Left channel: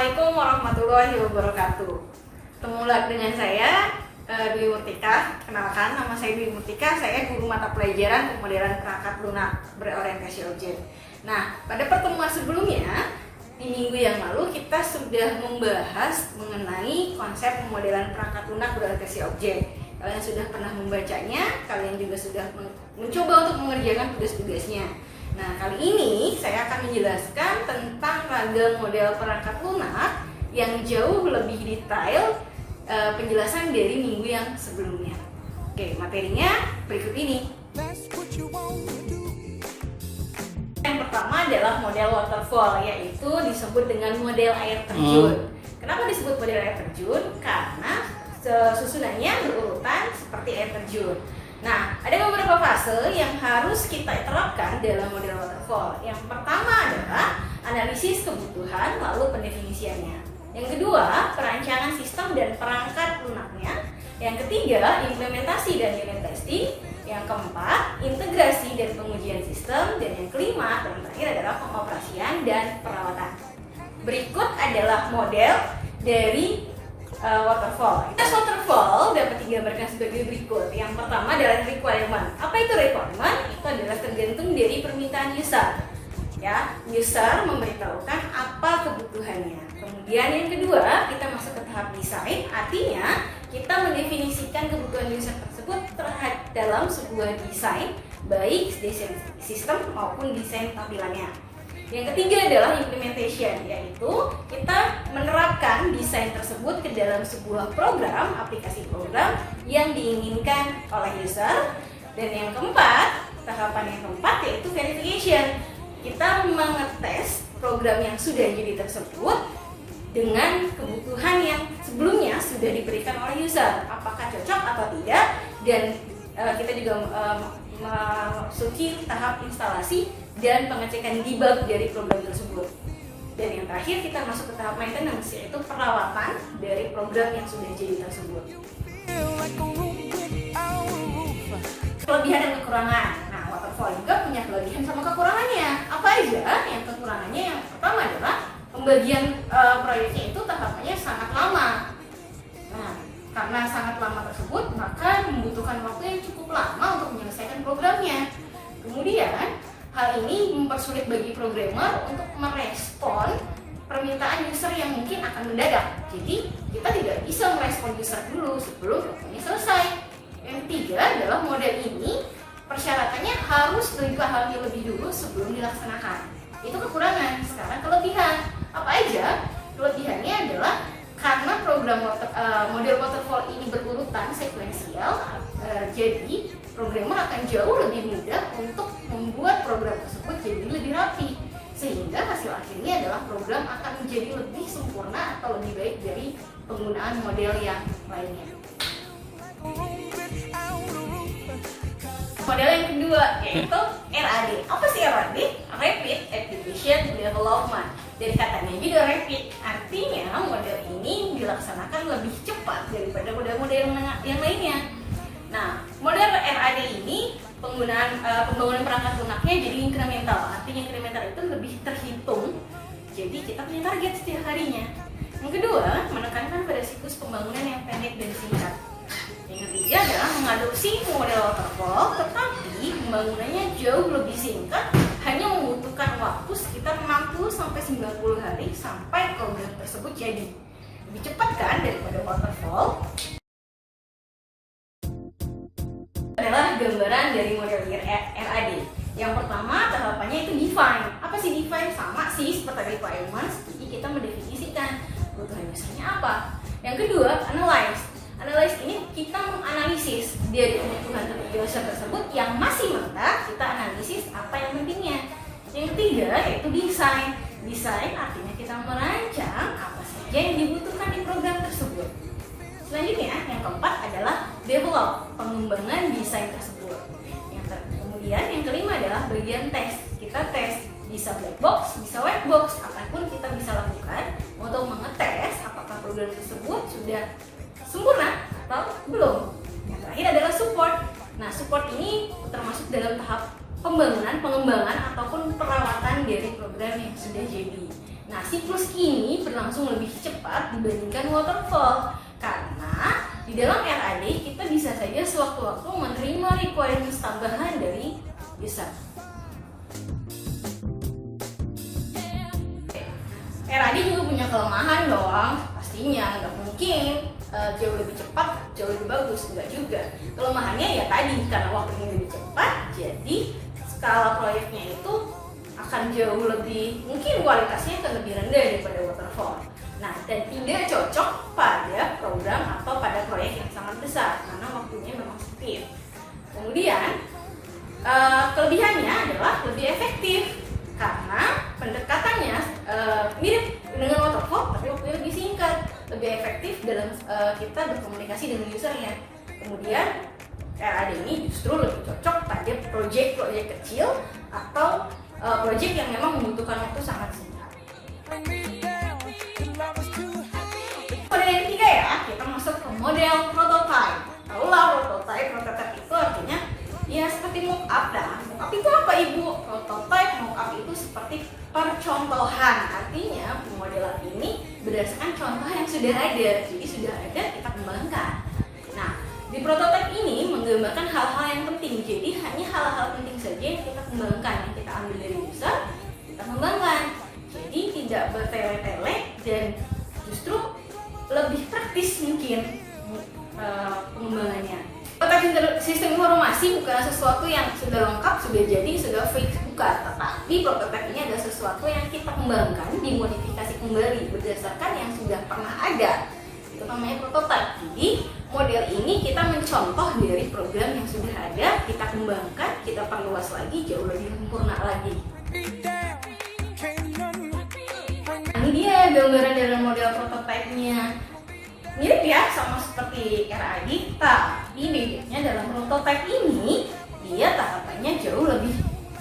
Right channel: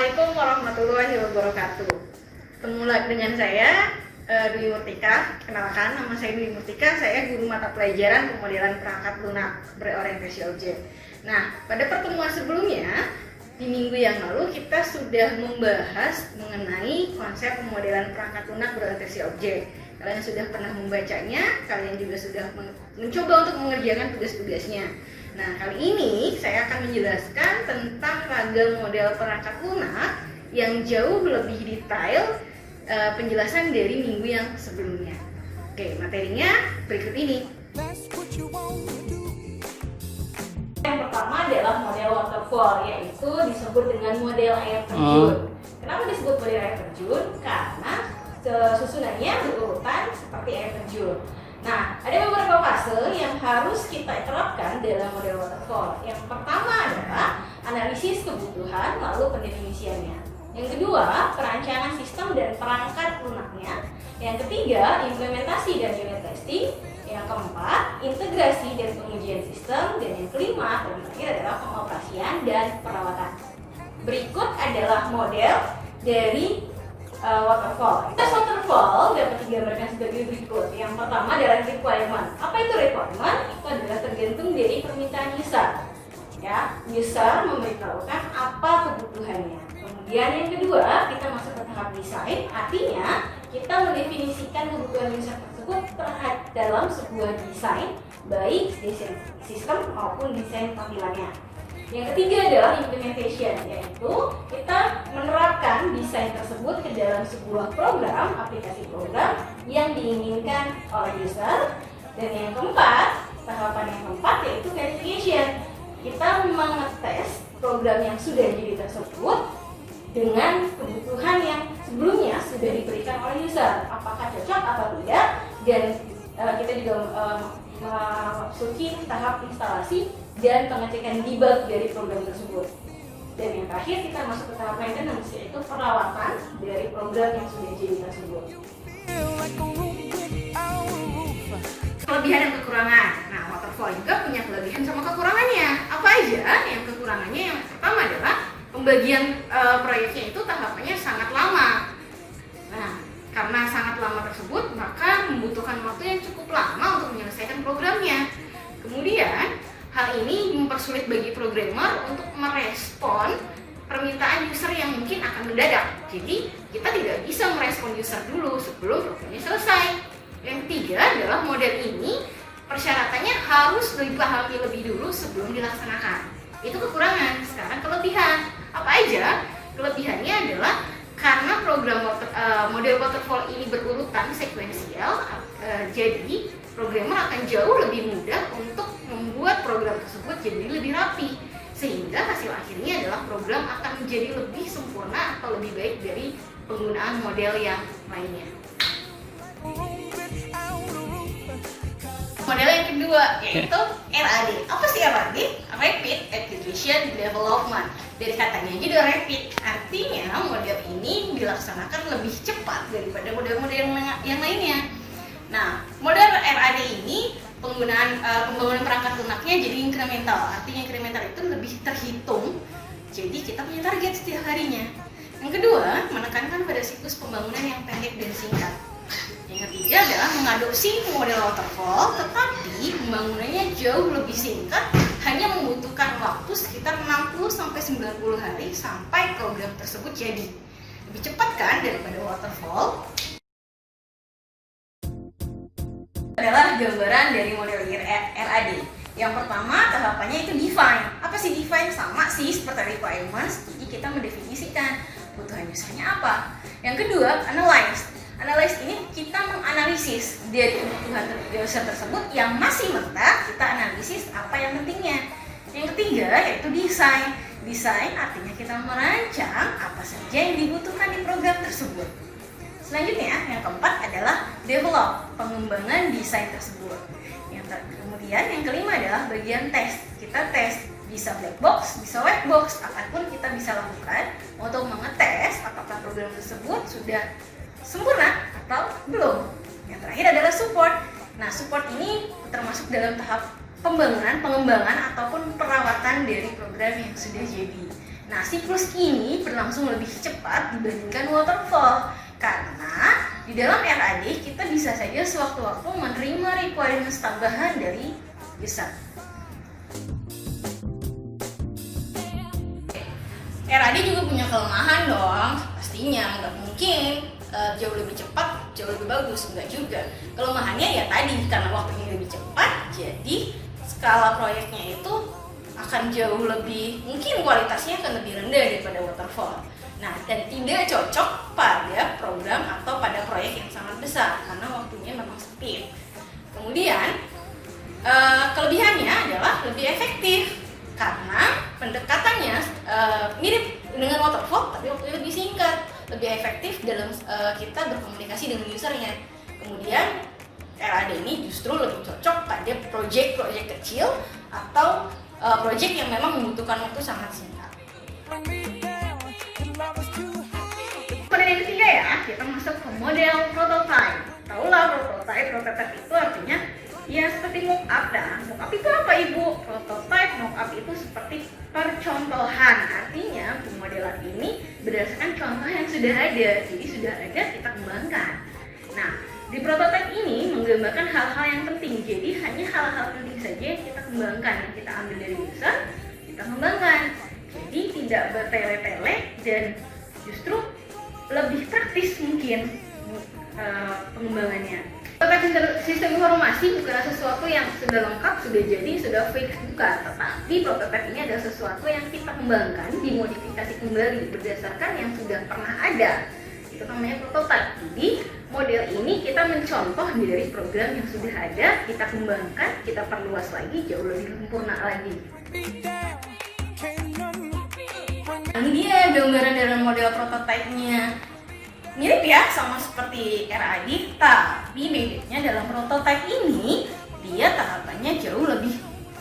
Assalamualaikum warahmatullahi wabarakatuh. Ketemu lagi dengan saya Dwi Murtika. Kenalkan, nama saya Dwi Murtika. Saya guru mata pelajaran pemodelan perangkat lunak berorientasi objek. Nah, pada pertemuan sebelumnya di minggu yang lalu kita sudah membahas mengenai konsep pemodelan perangkat lunak berorientasi objek. Kalian sudah pernah membacanya, kalian juga sudah mencoba untuk mengerjakan tugas-tugasnya. Nah, kali ini saya akan menjelaskan tentang ragam model perangkat lunak yang jauh lebih detail penjelasan dari minggu yang sebelumnya. Oke, materinya berikut ini. Yang pertama adalah model waterfall, yaitu disebut dengan model air terjun. Kenapa disebut model air terjun? Karena susunannya berurutan seperti air terjun. Nah, ada beberapa fase yang harus kita terapkan dalam model waterfall. Yang pertama adalah analisis kebutuhan, lalu pendefinisiannya. Yang kedua, perancangan sistem dan perangkat lunaknya. Yang ketiga, implementasi dan unit testing. Yang keempat, integrasi dan pengujian sistem. Dan yang kelima, dan terakhir adalah pengoperasian dan perawatan. Berikut adalah model dari waterfall. Tes waterfall dapat digambarkan sebagai berikut. Yang pertama adalah requirement. Apa itu requirement? Itu adalah tergantung dari permintaan user. Ya, user memberitahukan apa kebutuhannya. Kemudian yang kedua, kita masuk ke tahap desain. Artinya, kita mendefinisikan kebutuhan user tersebut dalam sebuah desain, baik desain sistem maupun desain tampilannya. Yang ketiga adalah implementation, yaitu kita menerapkan desain tersebut ke dalam sebuah program, aplikasi program yang diinginkan oleh user. Dan yang keempat, tahapan yang keempat yaitu verification. Kita mengetes program yang sudah jadi tersebut dengan kebutuhan yang sebelumnya sudah diberikan oleh user, apakah cocok atau tidak. Dan kita juga masuki tahap instalasi dan pengecekan debug dari program tersebut. Dan yang terakhir kita masuk ke tahap maintenance, yaitu perawatan dari program yang sudah jadi tersebut. Kelebihan dan kekurangan. Nah, waterfall juga punya kelebihan sama kekurangannya. Apa aja? Yang kekurangannya yang pertama adalah pembagian proyeknya itu tahapannya sangat lama. Nah, karena sangat lama tersebut, maka membutuhkan waktu yang cukup lama untuk menyelesaikan programnya. Kemudian, hal ini mempersulit bagi programmer untuk merespon permintaan user yang mungkin akan mendadak. Jadi, kita tidak bisa merespon user dulu sebelum programnya selesai. Yang ketiga adalah model ini persyaratannya harus dipahami lebih dulu sebelum dilaksanakan. Itu kekurangan. Sekarang kelebihan. Apa aja? Kelebihannya adalah karena program model waterfall ini berurutan sekuensial, jadi programmer akan jauh lebih mudah untuk membuat program tersebut jadi lebih rapi, sehingga hasil akhirnya adalah program akan menjadi lebih sempurna atau lebih baik dari penggunaan model yang lainnya. Model yang kedua yaitu RAD. Apa sih RAD? Rapid Application Development. Dari katanya juga rapid, artinya model ini dilaksanakan lebih cepat daripada model-model yang lainnya. Nah, model RAD ini pembangunan perangkat lunaknya jadi incremental. Artinya incremental itu lebih terhitung. Jadi kita punya target setiap harinya. Yang kedua, menekankan pada siklus pembangunan yang pendek dan singkat. Yang ketiga adalah mengadopsi model waterfall, tetapi pembangunannya jauh lebih singkat, hanya membutuhkan waktu sekitar 60-90 hari sampai program tersebut jadi. Lebih cepat kan daripada waterfall? Adalah gambaran dari model RAD. Yang pertama tahapannya itu define. Apa sih define? Sama sih seperti requirements, jadi kita mendefinisikan kebutuhan usernya apa. Yang kedua, analyze. Analyze ini kita menganalisis dari kebutuhan user tersebut yang masih mentah, kita analisis apa yang pentingnya. Yang ketiga yaitu desain. Desain artinya kita merancang apa saja yang dibutuhkan di program tersebut. Selanjutnya, yang keempat adalah develop, pengembangan desain tersebut. Kemudian yang kelima adalah bagian tes. Kita tes, bisa black box, bisa white box, apapun kita bisa lakukan untuk mengetes apakah program tersebut sudah sempurna atau belum. Yang terakhir adalah support. Nah, support ini termasuk dalam tahap pengembangan ataupun perawatan dari program yang sudah jadi. Nah, siklus ini berlangsung lebih cepat dibandingkan waterfall karena di dalam RAD kita bisa saja sewaktu-waktu menerima requirements tambahan dari user. RAD juga punya kelemahan dong, pastinya nggak mungkin jauh lebih cepat, jauh lebih bagus, enggak juga. Kelemahannya ya tadi, karena waktunya lebih cepat, jadi skala proyeknya itu akan jauh lebih, mungkin kualitasnya akan lebih rendah daripada waterfall. Nah, dan tidak cocok pada program atau pada proyek yang sangat besar, karena waktunya memang sempit. Kemudian, kelebihannya adalah lebih efektif, karena pendekatannya mirip dengan waterfall, tapi waktunya lebih singkat, lebih efektif dalam kita berkomunikasi dengan usernya. Kemudian RAD ini justru lebih cocok pada proyek-proyek kecil atau proyek yang memang membutuhkan waktu sangat singkat. Model yang ketiga ya, kita masuk ke model prototype. Tahulah prototype itu artinya ya seperti mock-up. Mock-up itu apa Ibu? Prototype, mock-up itu seperti percontohan. Artinya pemodelan ini berdasarkan contoh yang sudah ada. Jadi sudah ada, kita kembangkan. Nah, di prototype ini menggambarkan hal-hal yang penting. Jadi hanya hal-hal penting saja yang kita kembangkan. Yang kita ambil dari user, kita kembangkan. Jadi tidak bertele-tele dan justru lebih praktis mungkin pengembangannya. Prototype sistem informasi bukanlah sesuatu yang sudah lengkap, sudah jadi, sudah fix, bukan. Tetapi prototype ini adalah sesuatu yang kita kembangkan, dimodifikasi kembali berdasarkan yang sudah pernah ada. Itu namanya prototype. Jadi model ini kita mencontoh dari program yang sudah ada, kita kembangkan, kita perluas lagi, jauh lebih sempurna lagi. Ini dia gambaran dalam model prototype-nya. Mirip ya, sama seperti RAD, tapi bedanya dalam prototype ini dia tahapannya jauh lebih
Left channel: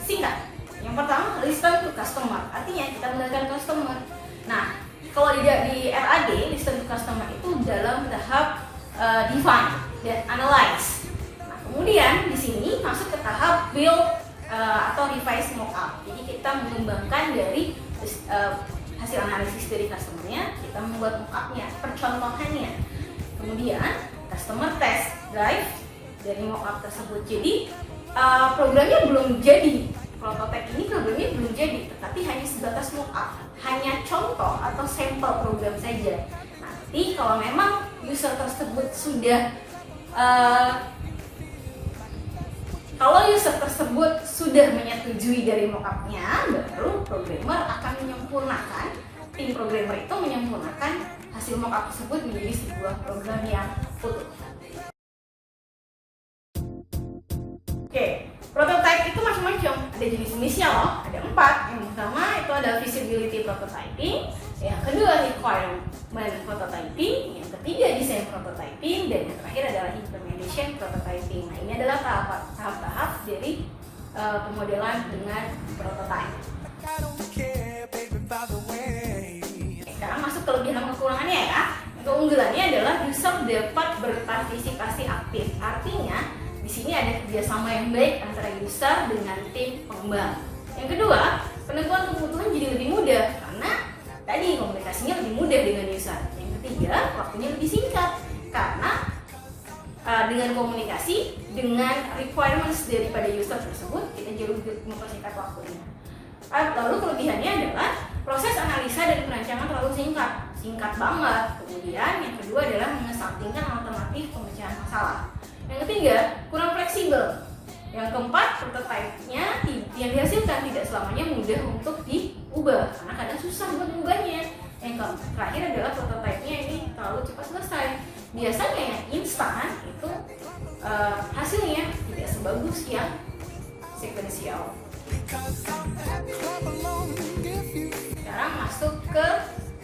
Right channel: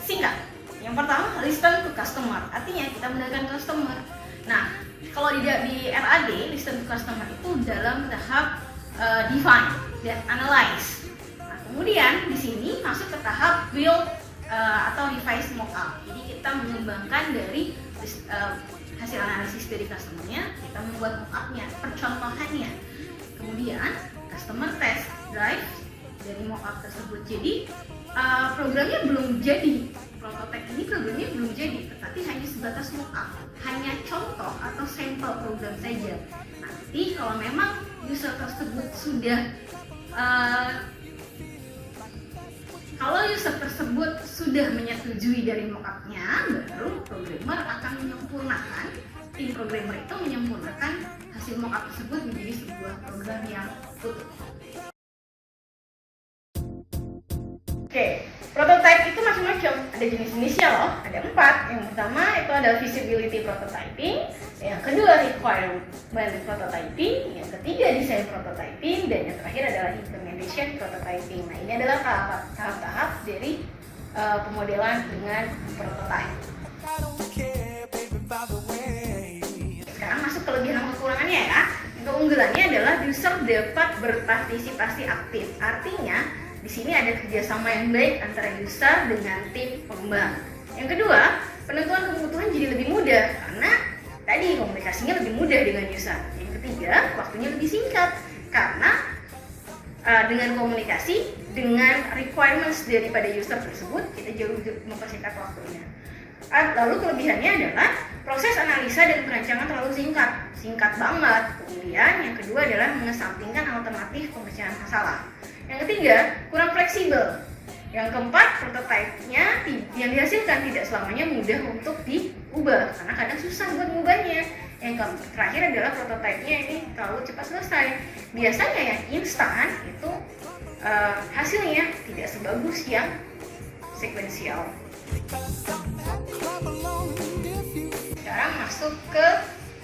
singkat. Yang pertama, listen to customer, artinya kita mendengarkan customer. Nah, kalau di RAD, listen to customer itu dalam tahap define dan analyze. Nah, kemudian di sini masuk ke tahap build atau revise mockup. Jadi kita mengembangkan dari hasil analisis dari customer-nya, kita membuat mock-up-nya, percontohannya. Kemudian customer test drive dari mock-up tersebut. Jadi programnya belum jadi, prototype ini programnya belum jadi, tetapi hanya sebatas mock-up, hanya contoh atau sampel program saja. Nanti kalau memang user tersebut sudah menyetujui dari mock-up-nya, baru programmer akan menyempurnakan, tim programmer itu menyempurnakan hasil mock-up tersebut menjadi sebuah program yang utuh. Oke, prototype itu macam-macam, ada jenis-jenisnya loh, ada 4. Yang pertama itu ada feasibility prototyping, yang kedua requirement prototyping, yang ketiga design prototyping, dan yang terakhir adalah implementation prototyping. Nah, ini adalah tahap-tahap dari pemodelan dengan prototype. Sekarang masuk kelebihan dan kekurangannya ya. Keunggulannya adalah user dapat berpartisipasi aktif. Artinya di sini ada kerjasama yang baik antara user dengan tim pengembang. Yang kedua, penentuan kebutuhan jadi lebih mudah karena tadi komunikasinya lebih mudah dengan user. Yang ketiga, waktunya lebih singkat karena dengan komunikasi dengan requirements daripada user tersebut kita jauh mempersingkat waktunya. Lalu kelebihannya adalah proses analisa dan perancangan terlalu singkat banget. Kemudian yang kedua adalah mengesampingkan alternatif pemecahan masalah. Yang ketiga, kurang fleksibel. Yang keempat, prototipe-nya yang dihasilkan tidak selamanya mudah untuk diubah karena kadang susah buat mengubahnya. Yang terakhir adalah prototipe-nya ini terlalu cepat selesai. Biasanya yang instan itu hasilnya tidak sebagus yang sekuensial. Sekarang masuk ke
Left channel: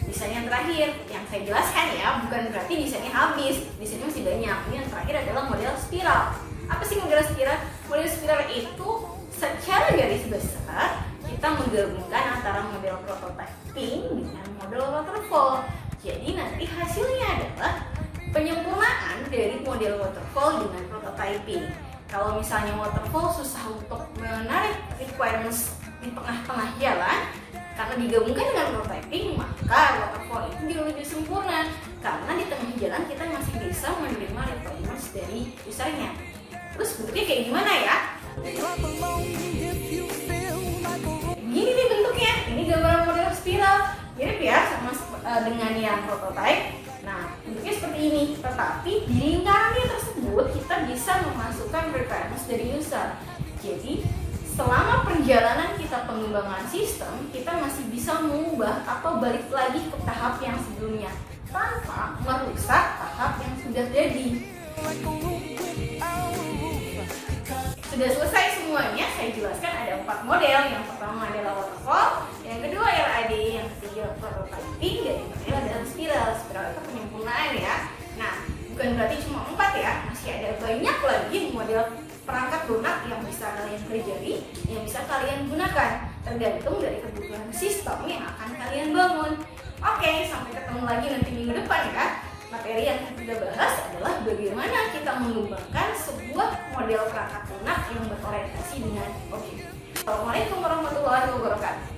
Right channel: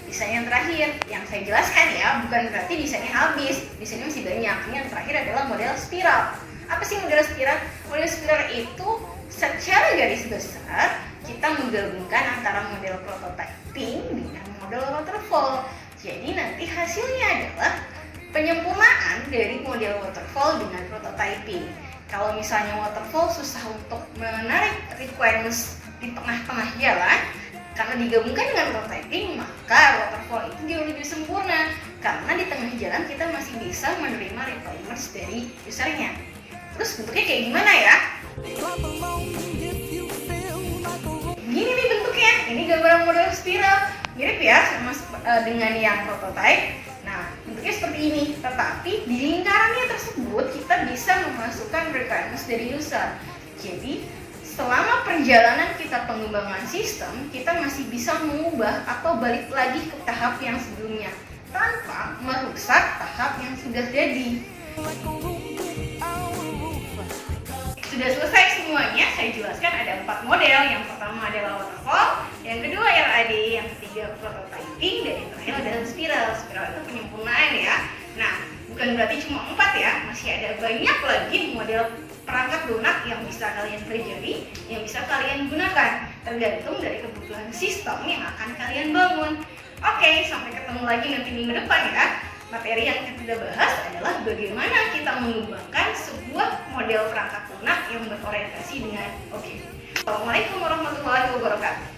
desain yang terakhir yang saya jelaskan ya, bukan berarti desainnya habis, desainnya masih banyak. Ini yang terakhir adalah model spiral. Apa sih model spiral? Model spiral itu secara garis besar kita menggabungkan antara model prototyping dengan model waterfall. Jadi nanti hasilnya adalah penyempurnaan dari model waterfall dengan prototyping. Kalau misalnya waterfall susah untuk menarik requirements di tengah-tengah jalan, Karena digabungkan dengan prototyping, maka waterfall itu jauh lebih sempurna. Karena di tengah jalan kita masih bisa menerima requirements dari usernya. Terus bentuknya kayak gimana ya? Gini nih bentuknya, ini gambaran model spiral. Mirip ya sama dengan yang prototype. Nah, bentuknya seperti ini. Tetapi di lingkarannya tersebut kita bisa memasukkan requirements dari user. Jadi, selama perjalanan kita pengembangan sistem, kita masih bisa mengubah atau balik lagi ke tahap yang sebelumnya tanpa merusak tahap yang sudah jadi. Sudah selesai semuanya, saya jelaskan ada 4 model. Yang pertama adalah waterfall, yang kedua LAD, yang ketiga prototyping, dan yang terakhir adalah spiral. Spiral itu penyempurnaan ya. Nah, bukan berarti cuma 4 ya, masih ada banyak lagi model perangkat lunak yang bisa kalian pelajari, yang bisa kalian gunakan, tergantung dari kebutuhan sistem yang akan kalian bangun. Oke, sampai ketemu lagi nanti minggu depan ya. Materi yang kita bahas adalah bagaimana kita mengembangkan sebuah model perangkat lunak yang berorientasi dengan objek. Assalamualaikum warahmatullahi wabarakatuh.